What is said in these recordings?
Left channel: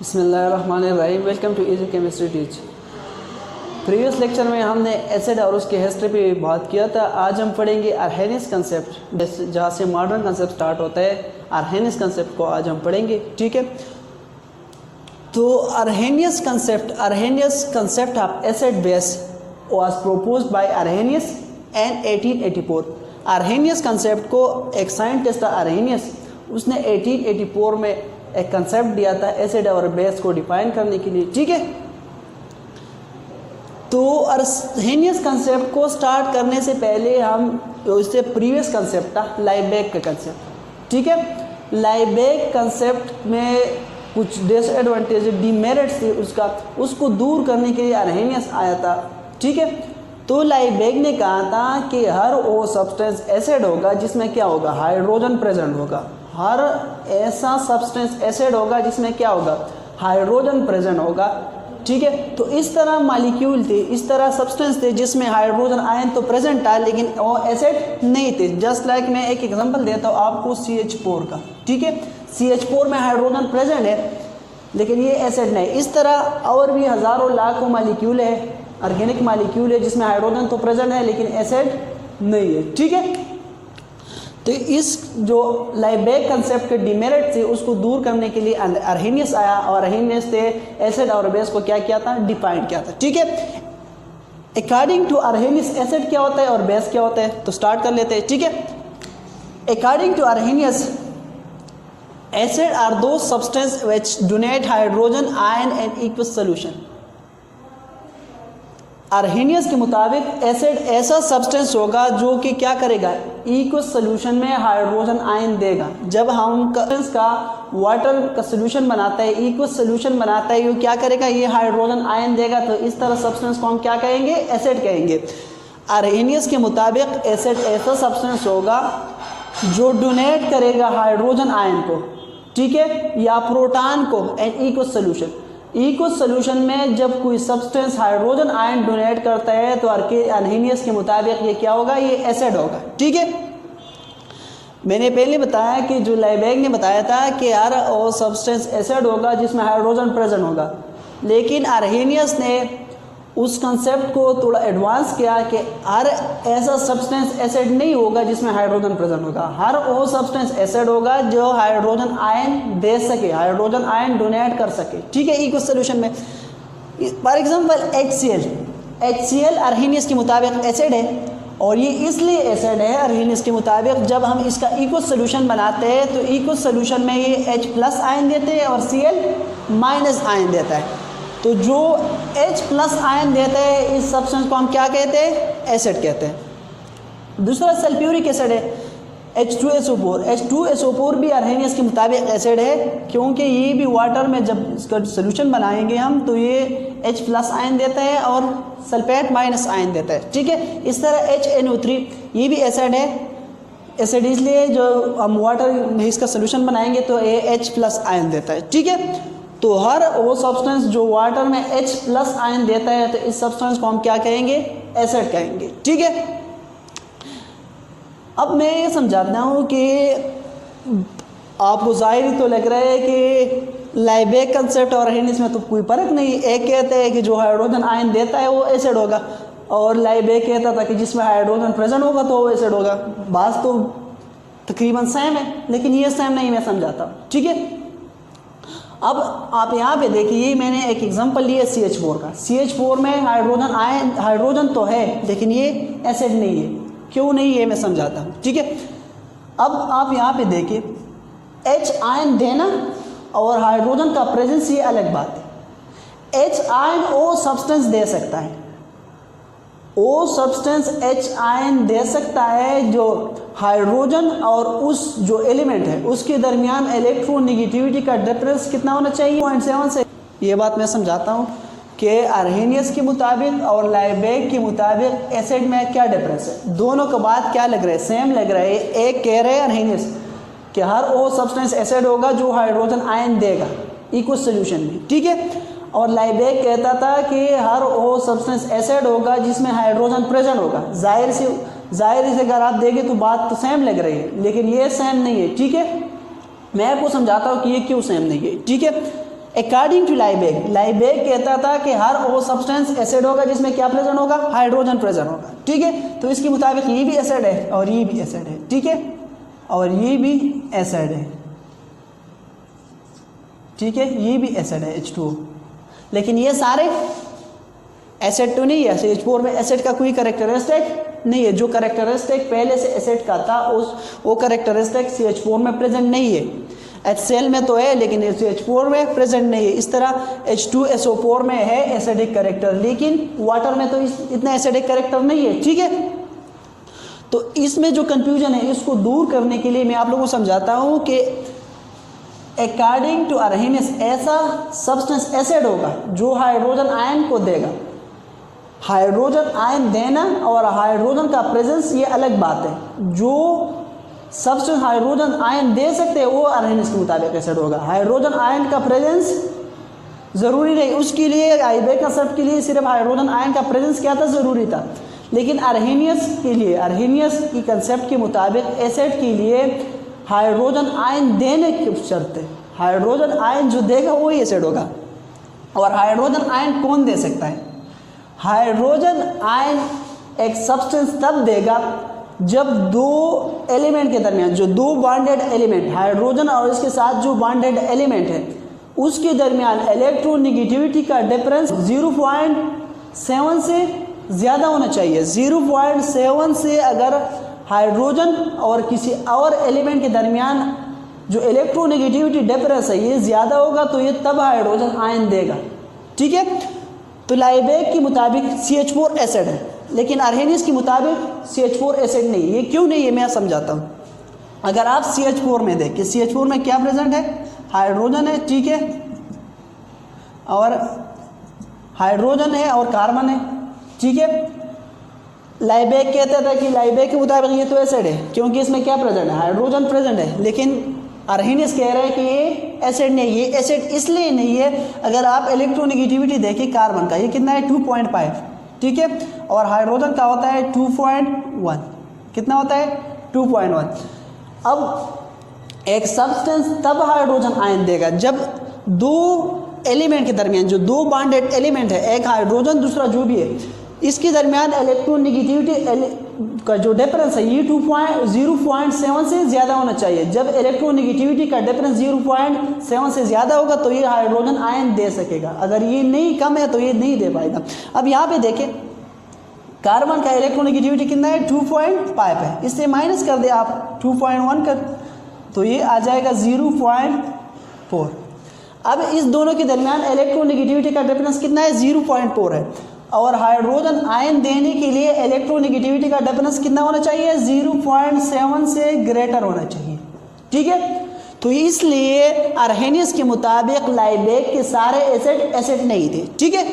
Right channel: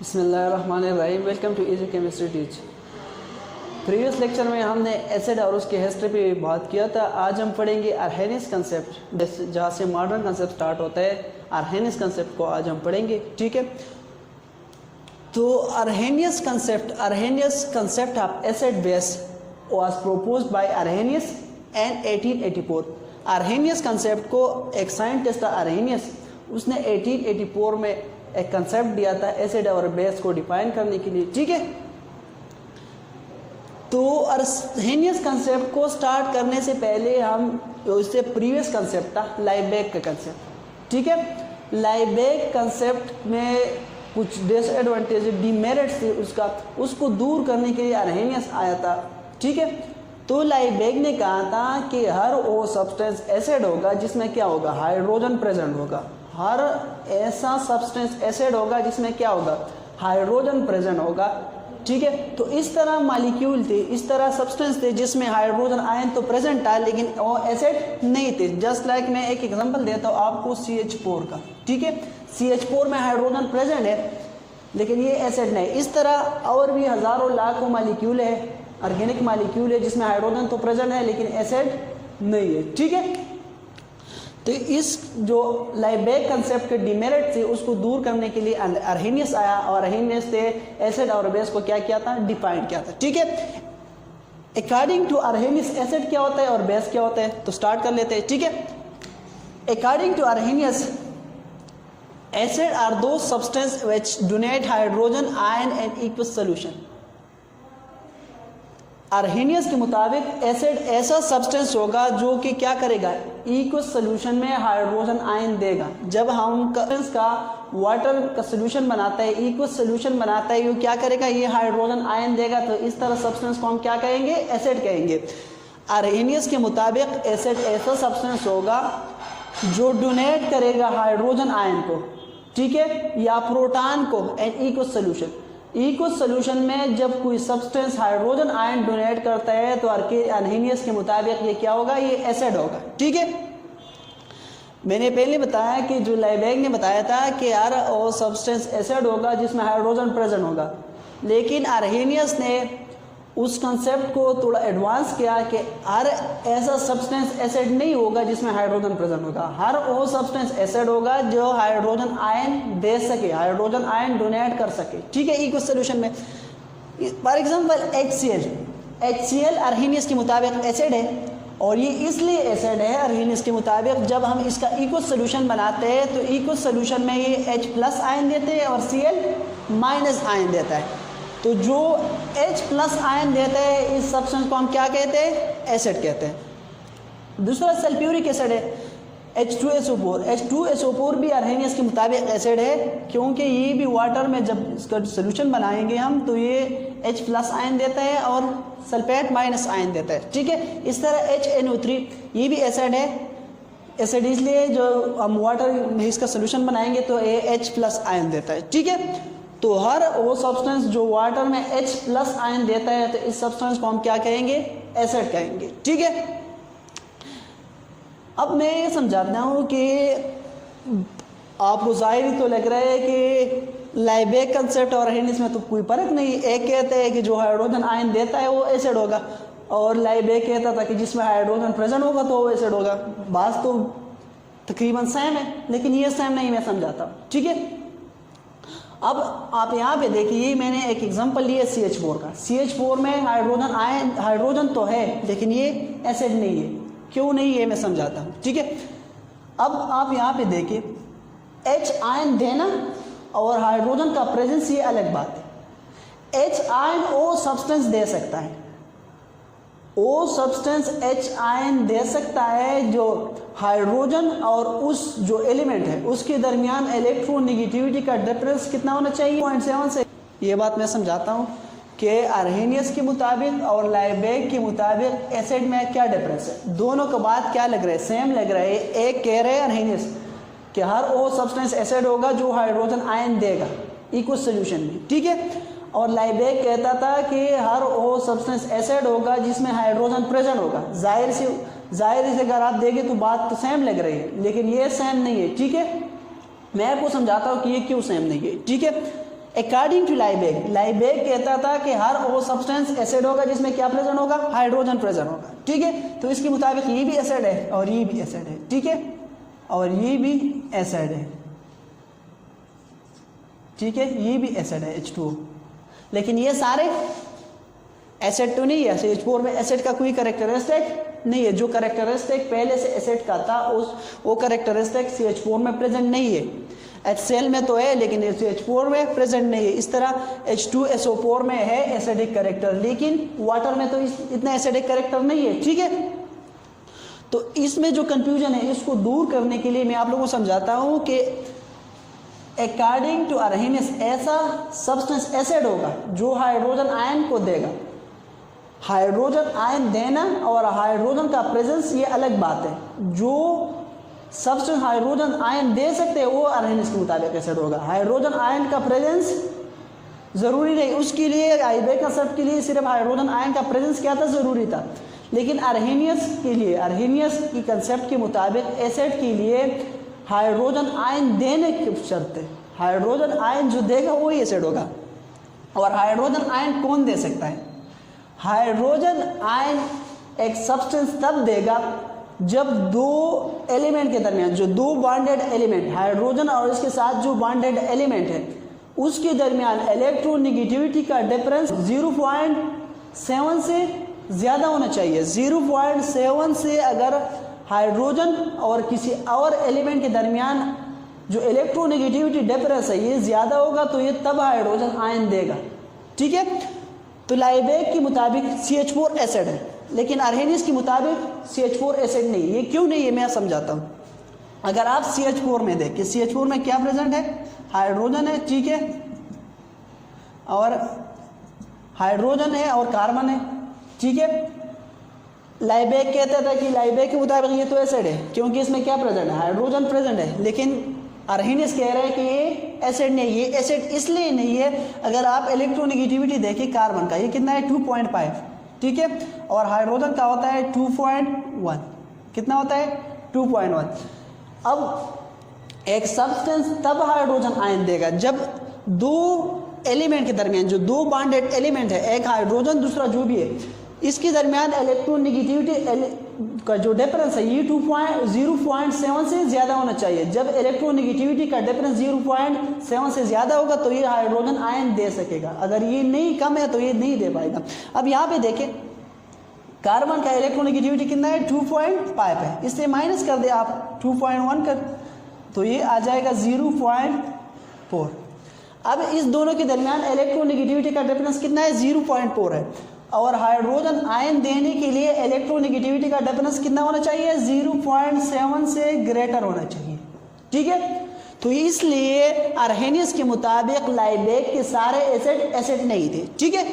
बिस्मिल्लाहिर्रहमानिर्रहीम। Welcome to easy chemistry teach. Previous lecture में हमने एसिड और उसके हिस्ट्री पे बात किया था। आज हम पढ़ेंगे आर्हेनियस कंसेप्ट, जहाँ से मॉडर्न कंसेप्ट स्टार्ट होता है। आर्हेनियस कंसेप्ट को आज हम पढ़ेंगे, ठीक है। तो Arrhenius concept of acid base was proposed by Arrhenius and 1884। Arrhenius concept को एक साइंटिस्ट था आर्हेनियस, उसने 1884 में एक कंसेप्ट दिया था एसिड और बेस को डिफाइन करने के लिए, ठीक है। तो आर्हेनियस कंसेप्ट को स्टार्ट करने से पहले हम इससे प्रीवियस कंसेप्ट था लाइबेक का कंसेप्ट, ठीक है। लाइबेक कंसेप्ट में कुछ डिसएडवांटेज डीमेरिट्स थी उसको दूर करने के लिए आर्हेनियस आया था, ठीक है। तो लाइबेक ने कहा था कि हर वो सब्सटेंस एसिड होगा जिसमें क्या होगा, हाइड्रोजन प्रेजेंट होगा। हर ऐसा सब्सटेंस एसिड होगा जिसमें क्या होगा, हाइड्रोजन प्रेजेंट होगा, ठीक है। तो इस तरह मॉलिक्यूल थे, इस तरह सब्सटेंस थे जिसमें हाइड्रोजन आयन तो प्रेजेंट था लेकिन वो एसिड नहीं थे। जस्ट लाइक मैं एक एग्जांपल देता हूँ आपको CH4 का, ठीक है। CH4 में हाइड्रोजन प्रेजेंट है लेकिन ये एसिड नहीं। इस तरह और भी हज़ारों लाखों मॉलिक्यूल है, ऑर्गेनिक मॉलिक्यूल है जिसमें हाइड्रोजन तो प्रेजेंट है लेकिन एसिड नहीं है, ठीक है। तो इस जो लाइबेक कंसेप्ट के डिमेरिट थे उसको दूर करने के लिए आर्हेनियस आया और आर्हेनियस ने एसिड और बेस को क्या किया था, डिफाइन किया था, ठीक है। अकॉर्डिंग टू आर्हेनियस एसिड क्या होता है और बेस क्या होता है, तो स्टार्ट कर लेते हैं, ठीक है। According to Arrhenius acid are those substance which donate hydrogen ion and aqueous solution. Arrhenius के मुताबिक एसिड ऐसा सब्सटेंस होगा जो कि क्या करेगा, इक्वस सॉल्यूशन में हाइड्रोजन आयन देगा। जब हम का वाटर का सॉल्यूशन बनाता है, इक्वस सॉल्यूशन बनाता है, ये क्या करेगा, ये हाइड्रोजन आयन देगा। तो इस तरह सब्सटेंस को हम क्या कहेंगे, एसिड कहेंगे। आर्हेनियस के मुताबिक एसिड ऐसा सब्सटेंस होगा जो डोनेट करेगा हाइड्रोजन आयन को, ठीक है, या प्रोटॉन को and aqueous solution. Equals solution में जब कोई सब्सटेंस हाइड्रोजन आयन डोनेट करता है तो आर्हेनियस के मुताबिक ये क्या होगा, ये एसिड होगा, ठीक है। मैंने पहले बताया कि जो लाइबेक ने बताया था कि यार वो सब्सटेंस एसिड होगा जिसमें हाइड्रोजन प्रेजेंट होगा, लेकिन आर्हेनियस ने उस कंसेप्ट को थोड़ा एडवांस किया कि हर ऐसा सब्सटेंस एसिड नहीं होगा जिसमें हाइड्रोजन प्रेजेंट होगा। हर वो सब्सटेंस एसिड होगा जो हाइड्रोजन आयन दे सके, हाइड्रोजन आयन डोनेट कर सके, ठीक है, इक्वस सॉल्यूशन में। फॉर एग्जांपल HCl आर्हेनियस के मुताबिक एसिड है और ये इसलिए एसिड है आर्हेनियस के मुताबिक, जब हम इसका इक्वस सॉल्यूशन बनाते हैं तो इक्वस सॉल्यूशन में ये H+ आयन देते हैं और Cl- आयन देता है। तो जो H+ आयन देता है इस सब्सटेंस को हम क्या कहते हैं, एसिड कहते हैं। दूसरा सल्फ्यूरिक एसिड है H2SO4। H2SO4 भी आर्हेनियस के मुताबिक एसिड है क्योंकि ये भी वाटर में जब इसका सोल्यूशन बनाएंगे हम तो ये H+ आयन देता है और सल्फेट माइनस आयन देता है, ठीक है। इस तरह HNO3 ये भी एसिड है। एसिड इसलिए जो हम वाटर में इसका सोल्यूशन बनाएंगे तो ये H+ आयन देता है, ठीक है। तो हर वो सब्सटेंस जो वाटर में H+ आयन देता है तो इस सब्सटेंस को हम क्या कहेंगे, एसिड कहेंगे, ठीक है। अब मैं ये समझाता हूँ कि आपको जाहिर तो लग रहा है कि लाइबेक कंसेप्ट और आर्हेनियस में तो कोई फर्क नहीं। एक कहते हैं कि जो हाइड्रोजन आयन देता है वो एसिड होगा और लाइबेक कहता था कि जिसमें हाइड्रोजन प्रेजेंट होगा तो वो एसिड होगा। बात तो तकरीबन सेम है लेकिन ये सेम नहीं, मैं समझाता हूँ, ठीक है। अब आप यहाँ पे देखिए, मैंने एक एग्जांपल लिया CH4 का। CH4 में हाइड्रोजन तो है लेकिन ये एसिड नहीं है। क्यों नहीं है मैं समझाता हूँ, ठीक है। अब आप यहाँ पे देखिए, H आयन देना और हाइड्रोजन का प्रेजेंस ये अलग बात है। H आयन वो सब्सटेंस दे सकता है, वो सब्सटेंस H आयन दे सकता है जो हाइड्रोजन और उस जो एलिमेंट है उसके दरमियान इलेक्ट्रोनेगेटिविटी का डिफरेंस कितना होना चाहिए, 0.7 से। ये बात मैं समझाता हूँ कि आर्हेनियस के मुताबिक और लाइबेक के मुताबिक एसिड में क्या डिफरेंस है। दोनों का बात क्या लग रहा है, सेम लग रहा है। एक कह रहे हैं आर्हेनियस कि हर वो सब्सटेंस एसिड होगा जो हाइड्रोजन आयन देगा इक्वस सॉल्यूशन में, ठीक है। और लाइबेक कहता था कि हर वो सब्सटेंस एसिड होगा जिसमें हाइड्रोजन प्रेजेंट होगा। जाहिर से अगर आप देखें तो बात तो सेम लग रही है लेकिन ये सेम नहीं है, ठीक है। मैं आपको समझाता हूँ कि ये क्यों सेम नहीं है, ठीक है। अकॉर्डिंग टू लाइबेक, लाइबेक कहता था कि हर वो सब्सटेंस एसिड होगा जिसमें क्या प्रेजेंट होगा, हाइड्रोजन प्रेजेंट होगा, ठीक है। तो इसके मुताबिक ये भी एसिड है और ये भी एसिड है, ठीक है, और ये भी एसिड है, ठीक है, ये भी एसिड है H2O, लेकिन ये सारे एसिड तो नहीं है। CH4 में एसिड का कोई कैरेक्टरिस्टिक नहीं है, जो कैरेक्टरिस्टिक पहले से एसिड का था वो कैरेक्टरिस्टिक CH4 में प्रेजेंट नहीं है। HCl में तो है लेकिन CH4 में प्रेजेंट नहीं है। इस तरह H2SO4 में है एसिडिक कैरेक्टर, लेकिन वाटर में तो इतना एसिडिक कैरेक्टर नहीं है, ठीक है। तो इसमें जो कंफ्यूजन है इसको दूर करने के लिए मैं आप लोगों को समझाता हूं कि अकॉर्डिंग टू अरहेनियस ऐसा सब्सटेंस एसिड होगा जो हाइड्रोजन आयन को देगा। हाइड्रोजन आयन देना और हाइड्रोजन का प्रेजेंस ये अलग बात है। जो सब्सटेंस हाइड्रोजन आयन दे सकते हैं वो अरहेनियस के मुताबिक एसिड होगा। हाइड्रोजन आयन का प्रेजेंस जरूरी नहीं, उसके लिए लाइबेक कंसेप्ट के लिए सिर्फ हाइड्रोजन आयन का प्रेजेंस क्या था, जरूरी था। लेकिन अरहेनियस के लिए, अरहेनियस की कंसेप्ट के मुताबिक एसिड के लिए हाइड्रोजन आयन देने की शर्त है। हाइड्रोजन आयन जो देगा वही एसिड होगा। और हाइड्रोजन आयन कौन दे सकता है? हाइड्रोजन आयन एक सब्सटेंस तब देगा जब दो एलिमेंट के दरमियान, जो दो बॉन्डेड एलिमेंट, हाइड्रोजन और इसके साथ जो बॉन्डेड एलिमेंट है उसके दरमियान इलेक्ट्रोनेगेटिविटी का डिफरेंस 0.7 से ज़्यादा होना चाहिए। 0.7 से अगर हाइड्रोजन और किसी और एलिमेंट के दरमियान जो इलेक्ट्रोनेगेटिविटी डिफरेंस है ये ज़्यादा होगा तो ये तब हाइड्रोजन आयन देगा, ठीक है। तो लाइबेक के मुताबिक CH4 एसिड है, लेकिन अरहेनियस के मुताबिक CH4 एसिड नहीं। ये क्यों नहीं है मैं समझाता हूँ। अगर आप CH4 में देखें, CH4 में क्या प्रेजेंट है, हाइड्रोजन है, ठीक है, और हाइड्रोजन है और कार्बन है, ठीक है। लाइबेक कहता था कि लाइबेक के मुताबिक ये तो एसिड है क्योंकि इसमें क्या प्रेजेंट है, हाइड्रोजन प्रेजेंट है। लेकिन अरहेनियस कह रहे हैं कि ये एसिड नहीं, ये एसिड इसलिए नहीं है, अगर आप इलेक्ट्रोनेगेटिविटी देखें कार्बन का, ये कितना है 2.5, ठीक है, और हाइड्रोजन का होता है 2.1, कितना होता है 2.1। अब एक सब्सटेंस तब हाइड्रोजन आयन देगा जब दो एलिमेंट के दरमियान, जो दो बॉन्डेड एलिमेंट है, एक हाइड्रोजन दूसरा जो भी है, इसके दरमियान इलेक्ट्रोनेगेटिविटी का जो डिफरेंस है ये 0.7 से ज़्यादा होना चाहिए। जब इलेक्ट्रोनेगेटिविटी का डिफरेंस 0.7 से ज़्यादा होगा तो ये हाइड्रोजन आयन दे सकेगा। अगर ये नहीं कम है तो ये नहीं दे पाएगा। अब यहाँ पे देखें कार्बन का इलेक्ट्रोनेगेटिविटी कितना है 2.5 है, इससे माइनस कर दे आप 2.1 कर तो ये आ जाएगा 0.4। अब इस दोनों के दरमियान इलेक्ट्रोनेगेटिविटी का डिफरेंस कितना है 0.4 है, और हाइड्रोजन आयन देने के लिए इलेक्ट्रोनेगेटिविटी का डिफरेंस कितना होना चाहिए 0.7 से ग्रेटर होना चाहिए, ठीक है। तो इसलिए अरहेनियस के मुताबिक लाइबेक के सारे एसिड नहीं थे, ठीक है।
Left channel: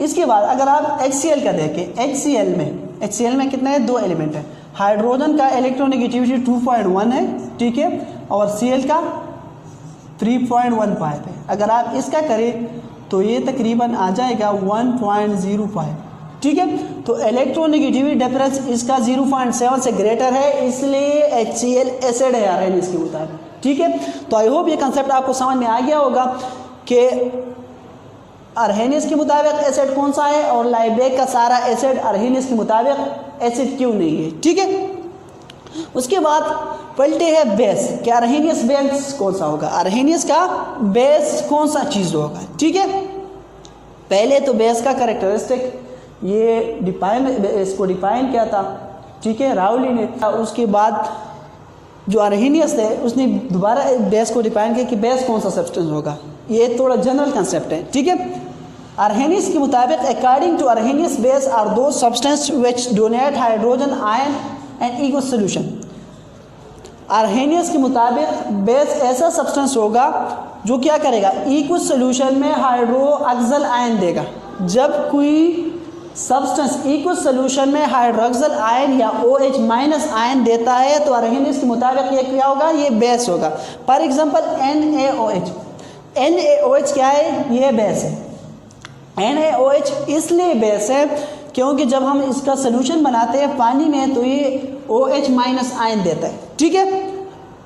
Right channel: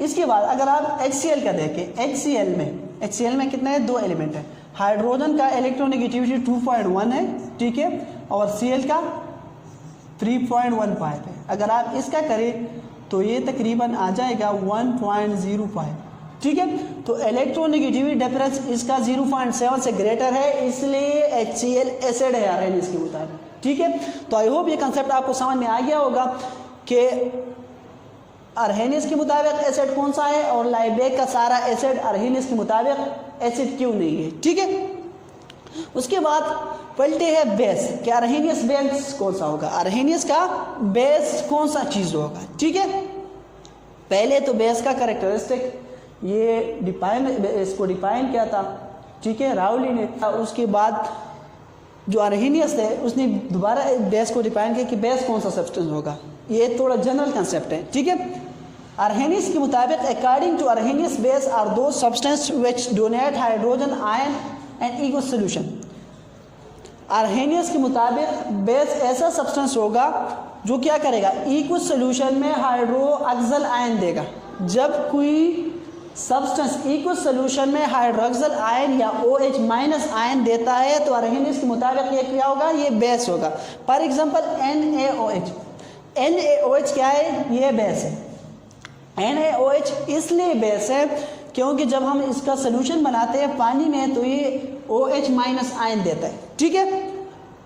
इसके बाद अगर आप HCl का देखें, HCl में कितना है, दो एलिमेंट है, हाइड्रोजन का इलेक्ट्रोनेगेटिविटी 2.1 है, ठीक है, और Cl का 3.15 है। अगर आप इसका करें तो ये तकरीबन आ जाएगा 1.05, ठीक है। तो इलेक्ट्रोनेगेटिविटी डिफरेंस इसका 0.7 से ग्रेटर है, इसलिए HCl एसिड है अरहेनियस के मुताबिक, ठीक है। तो आई होप ये कंसेप्ट आपको समझ में आ गया होगा कि अरहेनियस के मुताबिक एसिड कौन सा है और लाइबेक का सारा एसिड अरहेनियस के मुताबिक एसिड क्यों नहीं है, ठीक है। उसके बाद पलटे है बेस, कि अरहेनियस बेस कौन सा होगा, अरहेनियस का बेस कौन सा चीज़ होगा, ठीक है। पहले तो बेस का कैरेक्टरिस्टिक ये इसको डिफाइन किया था, ठीक है, राउली ने। उसके बाद जो अरहेनियस है उसने दोबारा बेस को डिफाइन किया कि बेस कौन सा सब्सटेंस होगा। ये थोड़ा जनरल कंसेप्ट है, ठीक है। अरहेनियस के मुताबिक according to Arrhenius base are those substance which donate hydrogen ion and aqueous solution. Arrhenius के मुताबिक बेस ऐसा सब्सटेंस होगा जो क्या करेगा, इक्वस सोल्यूशन में हाइड्रोक्सिल आयन देगा। जब कोई सब्सटेंस इक्वस सोल्यूशन में हाइड्रोक्सिल आयन या OH माइनस आयन देता है तो अरहेनियस के मुताबिक ये क्या होगा, ये बेस होगा। फॉर एग्जांपल NaOH क्या है, ये बेस है। NaOH इसलिए बेस है क्योंकि जब हम इसका सोल्यूशन बनाते हैं पानी में तो ये OH माइनस आयन देता है, ठीक है।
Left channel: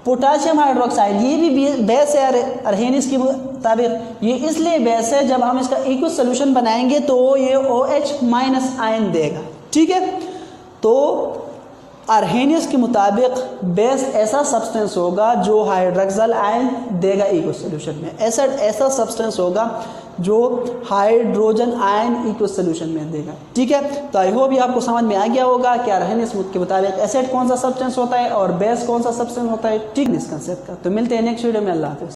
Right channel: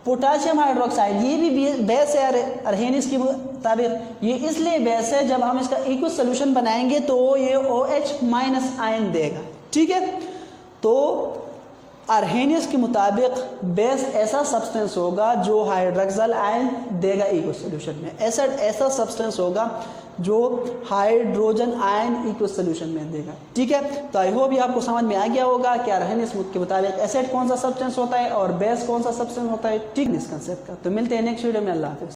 पोटाशियम हाइड्रोक्साइड ये भी बेस है अरहेनियस की मुताबिक ये इसलिए बेस है, जब हम इसका इक्वस सोल्यूशन बनाएंगे तो ये OH माइनस आयन देगा। ठीक है, तो आर्हेनियस के मुताबिक बेस ऐसा सब्सटेंस होगा जो हाइड्रोक्सिल आयन देगा इक्वस सोल्यूशन में। एसिड ऐसा सब्सटेंस होगा जो हाइड्रोजन आयन इक्वस सोल्यूशन में देगा। ठीक है, तो आई होप ये आपको समझ में आ गया होगा कि आर्हेनियस के मुताबिक एसिड कौन सा सब्सटेंस होता है और बेस कौन सा सब्सटेंस होता है। ठीक है, इस कंसेप्ट का। तो मिलते हैं नेक्स्ट वीडियो में। अल्लाह हाफिज़।